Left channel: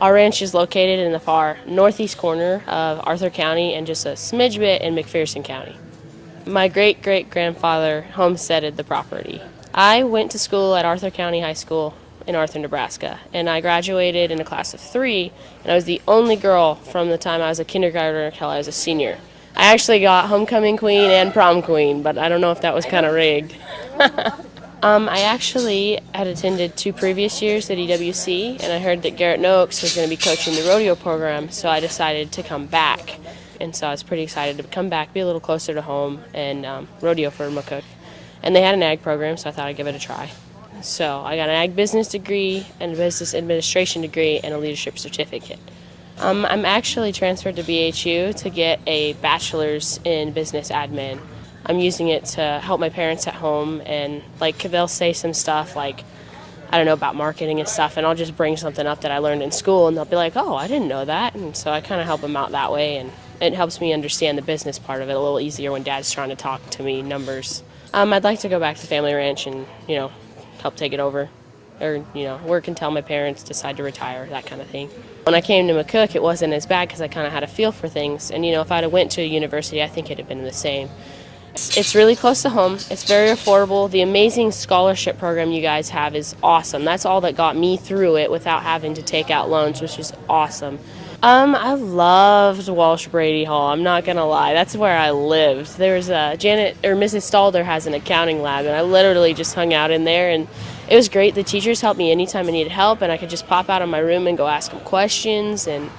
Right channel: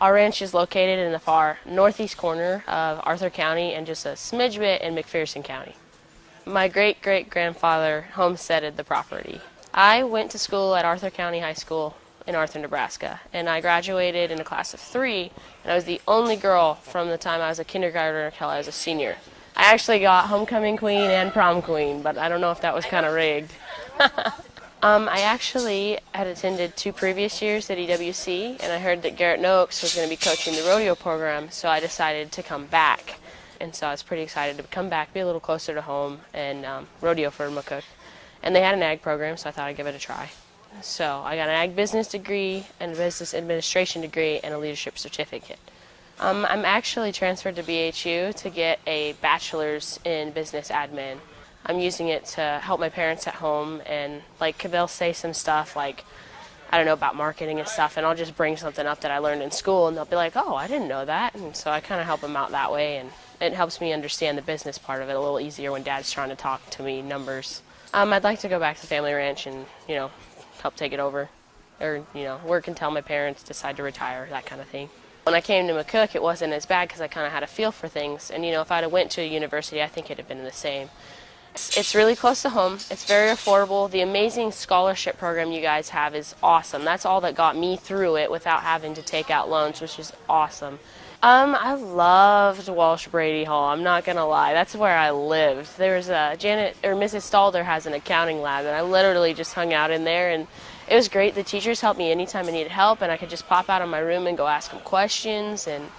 Our ranch is located in the far northeast corner of Arthur County and just a smidge bit in McPherson County. My great-great-grandfather homesteaded the property. I went to school at Arthur County High School in Arthur, Nebraska, and I graduated in a class of 3, and I was the only girl from the time I was a kindergartner until I was a senior. I actually got homecoming queen and prom queen, but I don't know if that was kind of rigged. I actually had attended 2 previous years at EWC, and I heard that Garrett Noakes was going to be coaching the rodeo program, so I decided to come back. And so I was pretty excited to come back, be a little closer to home, and rodeo for McCook. And they had an ag program, so I thought I'd give it a try. So I got an ag business degree, and a business administration degree, and a leadership certificate. I'm actually transferred to BHU to get a bachelor's in business admin. I'm using it to help my parents at home, and they'll say some stuff like, I don't know, about marketing and stuff, and I'll just bring something up that I learned in school, and they'll be like, oh, I didn't know that. And so I kind of help them out that way, and it helps me understand the business part of it a little easier when Dad's trying to talk to me numbers. I'd like to go back to the family ranch and, help take it over, or, work until my parents decide to retire, that kind of thing. When I came to McCook, it wasn't as bad because I kind of had a feel for things, and, if I'd have went to a university, I think it'd have been the same. It's really close to home. It's very affordable. The amazing scholarship program you guys have is awesome. That's all that got me through it without having to take out loans, which is awesome. I loved Walsh Brady Hall. I'm not gonna lie. That's where I lived. There's Mrs. Stalder has an accounting lab, and I literally just hung out in there, and it was great. The teachers helped me anytime I needed help, and I could just pop out of my room and go ask them questions. And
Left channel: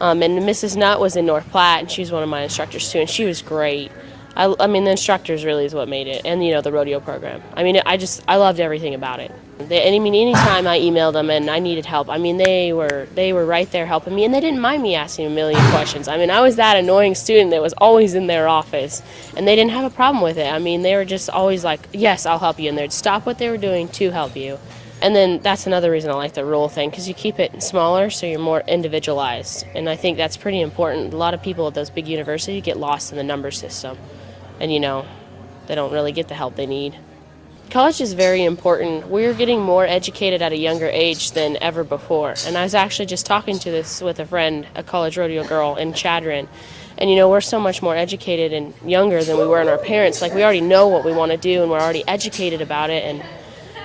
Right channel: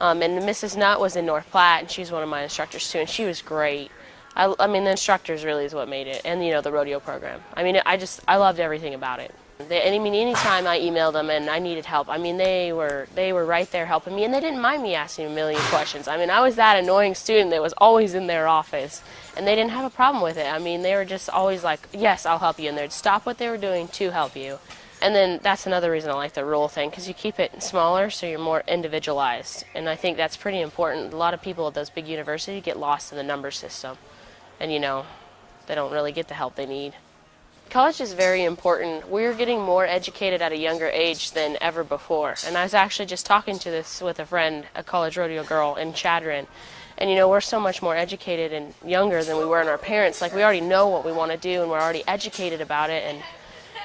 Mrs. Nutt was in North Platte, and she was one of my instructors too, and she was great. I mean, the instructors really is what made it, and the rodeo program. I mean, I loved everything about it. Anytime I emailed them and I needed help, they were right there helping me, and they didn't mind me asking a million questions. I was that annoying student that was always in their office, and they didn't have a problem with it. They were just always like, yes, I'll help you, and they'd stop what they were doing to help you. And then that's another reason I like the role thing, because you keep it smaller so you're more individualized, and I think that's pretty important. A lot of people at those big universities get lost in the number system, and they don't really get the help they need. College is very important. We're getting more educated at a younger age than ever before, and I was actually just talking to this with a friend, a college rodeo girl in Chadron, and we're so much more educated and younger than we were in our parents. We already know what we want to do, and we're already educated about it,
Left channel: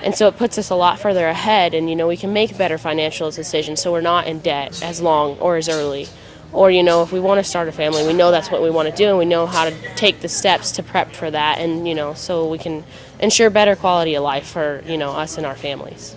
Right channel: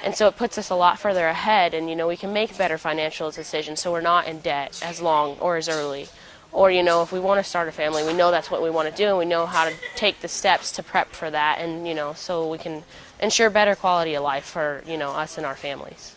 and so it puts us a lot further ahead, and we can make better financial decisions so we're not in debt as long or as early. Or, if we want to start a family, we know that's what we want to do, and we know how to take the steps to prep for that, and, so we can ensure better quality of life for, us and our families.